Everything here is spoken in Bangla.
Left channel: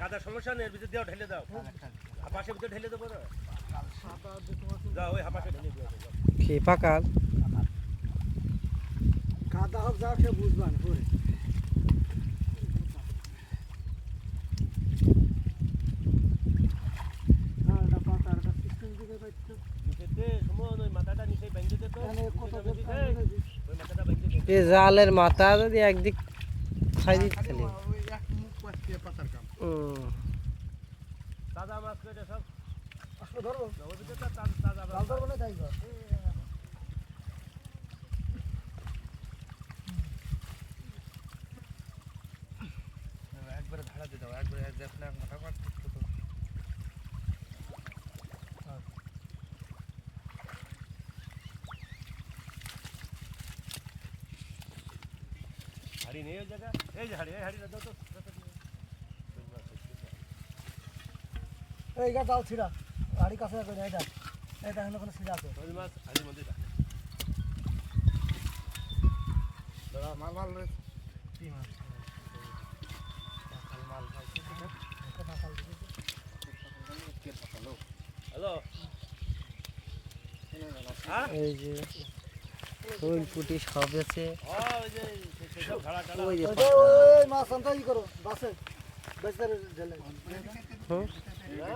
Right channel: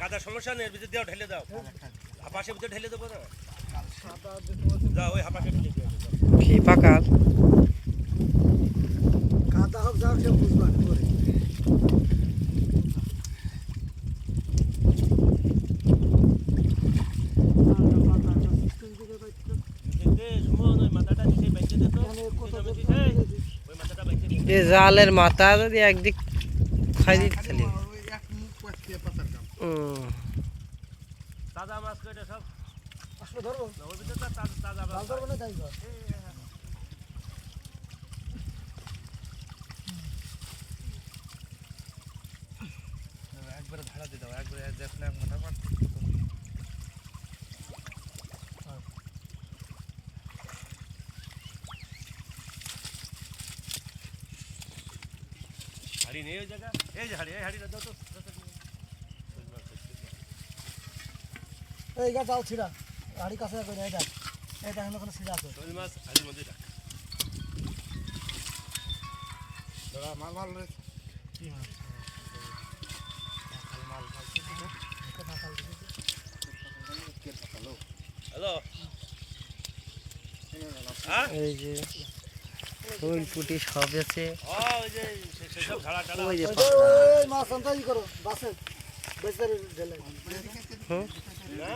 কাদা সমস্যা নেই, ভিতরে দাও, ঢেলে দাও, হাপাশের ভিতরে ঢেলে দেবো না, যাও ওই হাপাশের ভিতরে দাও। কি পাকাল কাদা হোক যাও সে বুঝবান করে এ জালের মাথা যদি একদিক খাই দিতে তাজা মাছ কেটে সব আসলে ধরবো তাজা জাল ধরবো না তাই একবারে ধারা দিয়ে দাও, একবারে দেখ না মোটা মাছ হাড়ি নেই ওই জায়গা, এই যে হাড়ি, এই হাড়িটা দাও তো, এই গা জাল ছিড়া গাড়ি কাছে করে এটা এটা এখানে কোনো ছিড়া আছে ওই মাছ হাড়ির মধ্যে দাও। দাদা মাল মাল রে, কি মাছ মাল খাইছে তো, পাকাল দিছে হ্যালো এই যে ফুল পুটি সব আছে ওই যে সেসব ধারা টারা ওই যে ওই মাছ আনতে ই করো বাসে বেচারে গেলে হুম না